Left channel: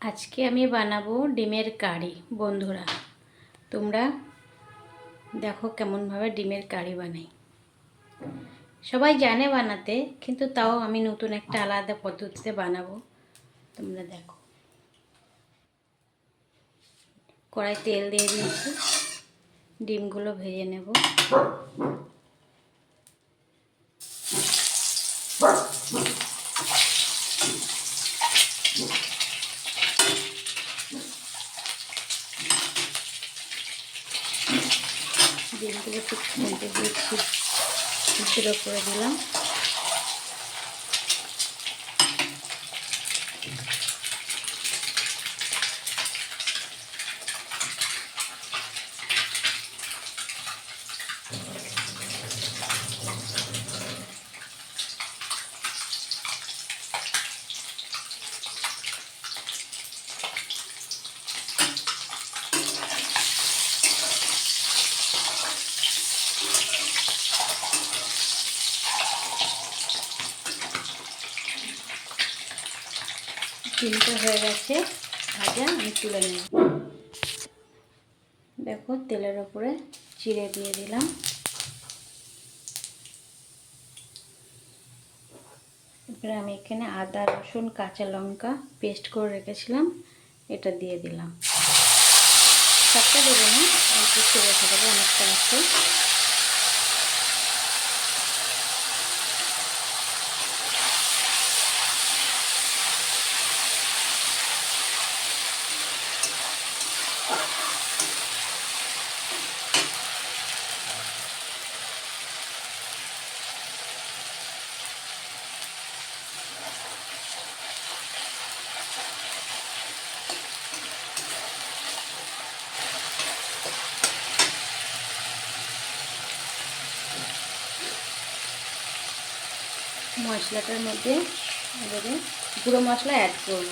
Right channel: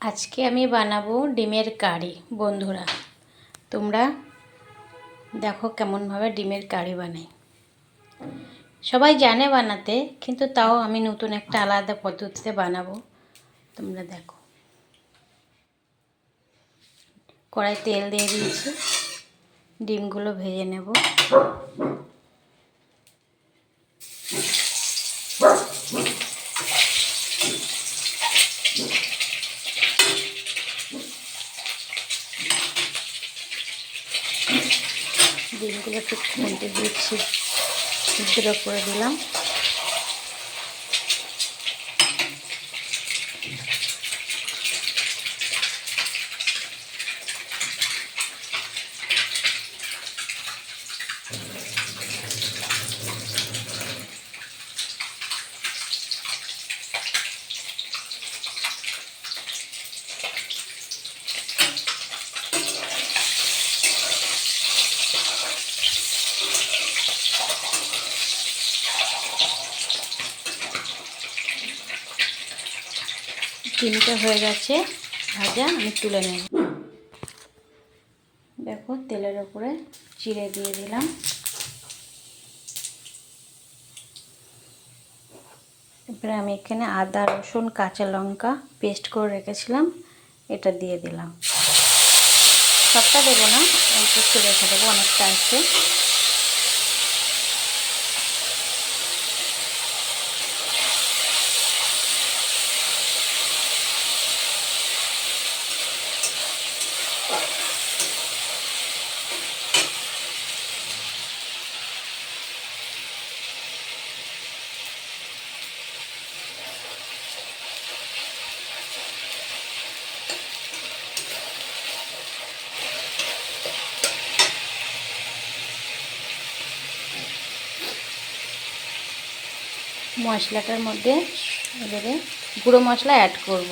আজকে আমি বানাবো ডিমের কারি। বন্ধুরা, তোমরা দেখো কেমনভাবে ডিমের কারি বানাই। সবাই জানে বানাতে, কিন্তু তাও আমি নতুন একটা আলাদা পদ্ধতিতে বানাবো। তোমরা দেখো, কড়াই তেল দিয়ে দিয়েছি, ডিমগুলো ভেজে নেব। ডিমগুলো একটু খুলতে দিয়েছি, সিদ্ধ করে দিলাম। ডিমটা হয়ে গেছে ভাজা, আমি তুলে নেব। দেখো, তেলের ওপরে চিড়ে দিয়ে দিলাম। এবারে আমি এখানে আদা, রসুন, কাঁচা লঙ্কা পেস্ট করে রেখেছিলাম, এটা দিয়ে দিলাম। সবটা দেবো না, অল্প একটু রেখে দেবো, অনেকটা আছে। মশলাটার মধ্যে এবারে গুঁড়ো মশলা অ্যাড করব।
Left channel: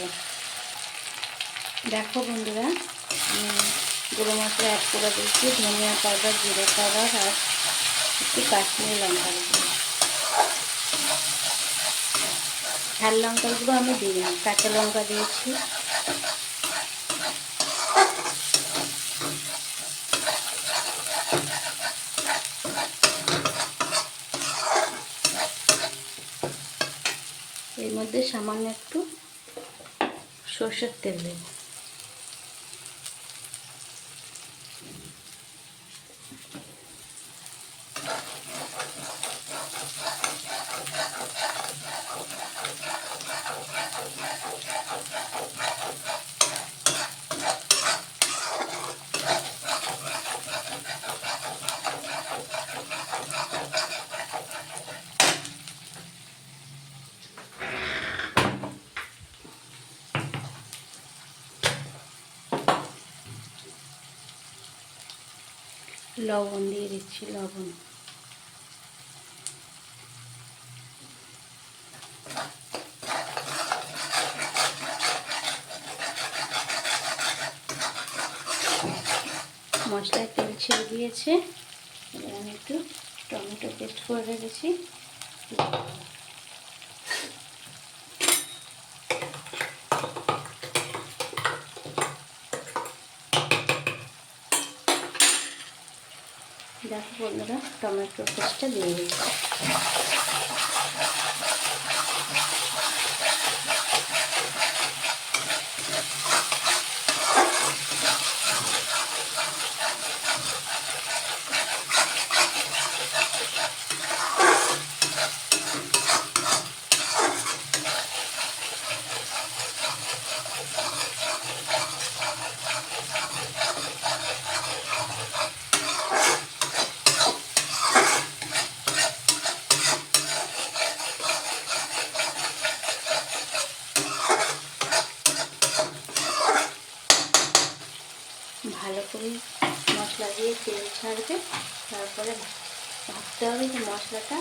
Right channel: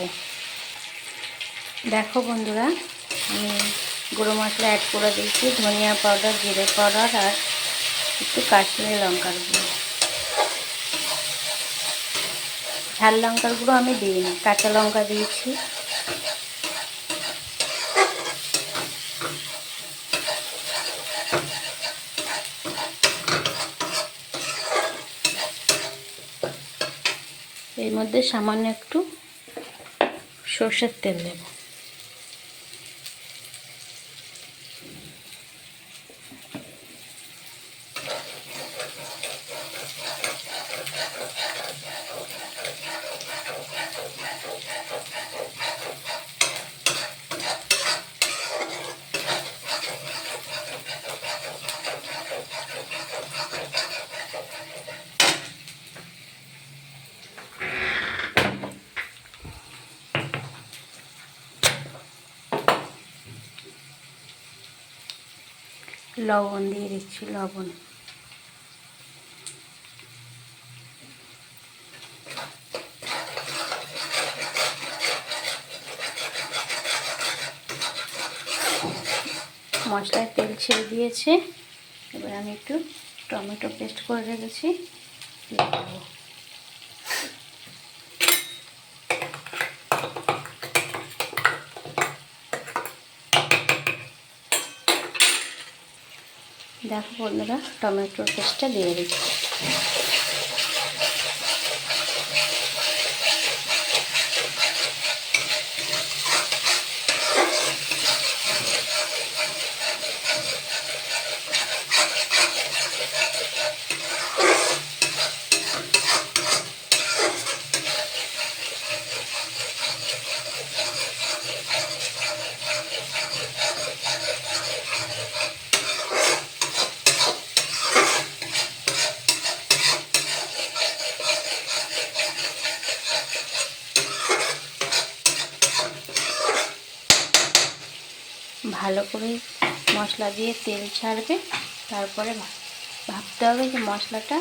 দেখো বন্ধুরা, আমি গুঁড়ো মশলা অ্যাড করে দিয়েছি, ধনিয়া পাউডার, জিরে পাউডার আর একটু কাশ্মীরি লঙ্কার গুঁড়ো। ঝাল লঙ্কার গুঁড়ো আমি দিইনি, কাঁচা লঙ্কা দিয়েছি। এর মধ্যে সামান্য একটু সর্ষের তেল দেব। লবণ দিয়ে দিচ্ছি, লবণ। মশলায় তেল ছেড়ে দিয়েছে, এবার আমি একটু টমেটো পেস্ট করে রেখেছি, দেখো বন্ধুরা, টমেটোর পেস্টটা দিয়ে দিচ্ছি। ভালো করে মশলা দিয়ে তেল ছাড়বে, তারপরে ভাবতে হবে যে মশলাটা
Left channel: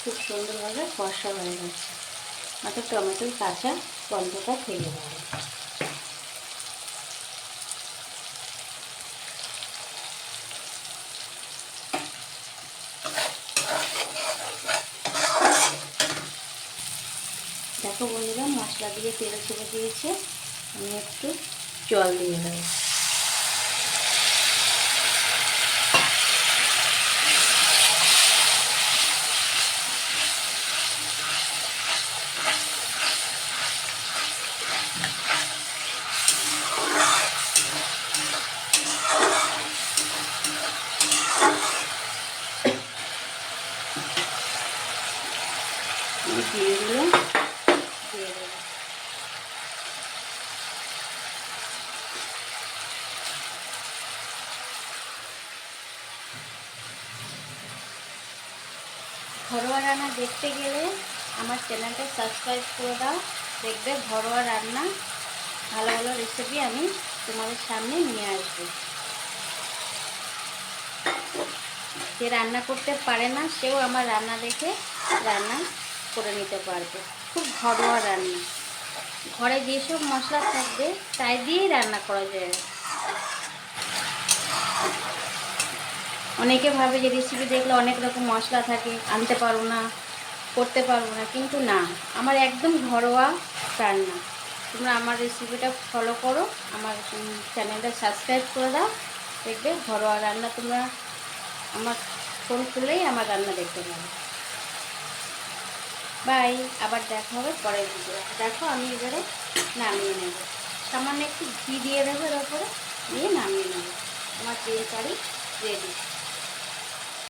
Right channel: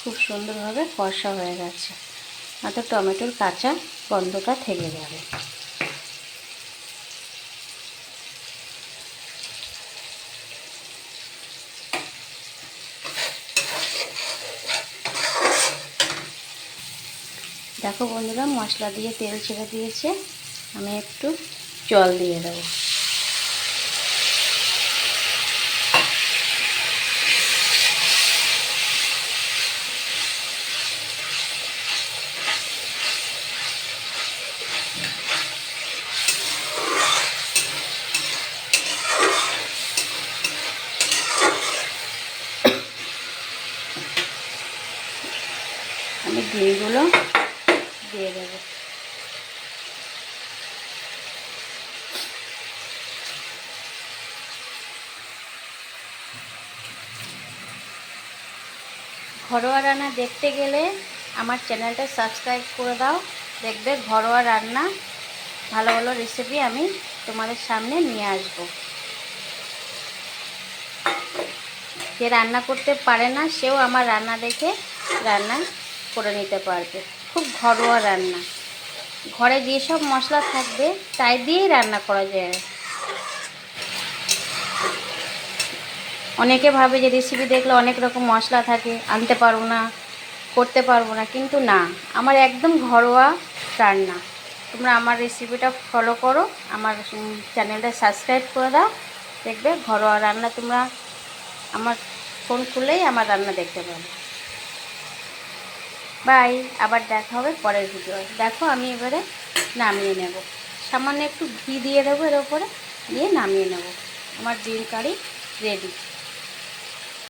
খুব সুন্দরভাবে কষা হয়ে গেছে, আর টমেটোর কাঁচা গন্ধটা থেকে যাবে। দেখো বন্ধুরা, মশলা দিয়ে তেল ছেড়ে দিয়েছে, আমি একটু জল দিয়ে দেবো। আমি ডিমগুলো দিয়ে দেবো। ঘরোয়া রান্না দেখতে গেলে আমার চ্যানেলটা সাবস্ক্রাইব করে দাও। দেখবে ঘরোয়া রান্না ভালো ভালো রেসিপি আমি তোমাদের সামনে নিয়ে আসব। যে রান্না করতে পারে না সেও আমার রান্না দেখে রান্না করে নিতে পারবে। খুব ঘরোয়া রান্না, ঘরে যেসব মশলা থাকবে তাই দিয়েই রান্না করা যায়। অনেকে ভাবে যে রেসিপি দেখলে অনেক রকম মশলা থাকে, আনতে পারবো না, করতে পারবো না, কিন্তু না, আমার একদম ঘরোয়া রান্না। তোমরা আমার রেসিপিটা ফলো করো, আমার চ্যানেলটা সাবস্ক্রাইব করে দাও, দেখবে ঘরোয়া রান্না তোমরা আমার ফোন খুললেই আমার রান্না দেখতে পাবে। বাই, আবার দেখা হবে পরের ভিডিও। দেখো আমি এবারে নামিয়ে নেব, সামান্য একটু ঘি দিয়ে দেবো এর ওপরে, দিয়ে নামিয়ে নেব। আমার ডিম কারি রেডি।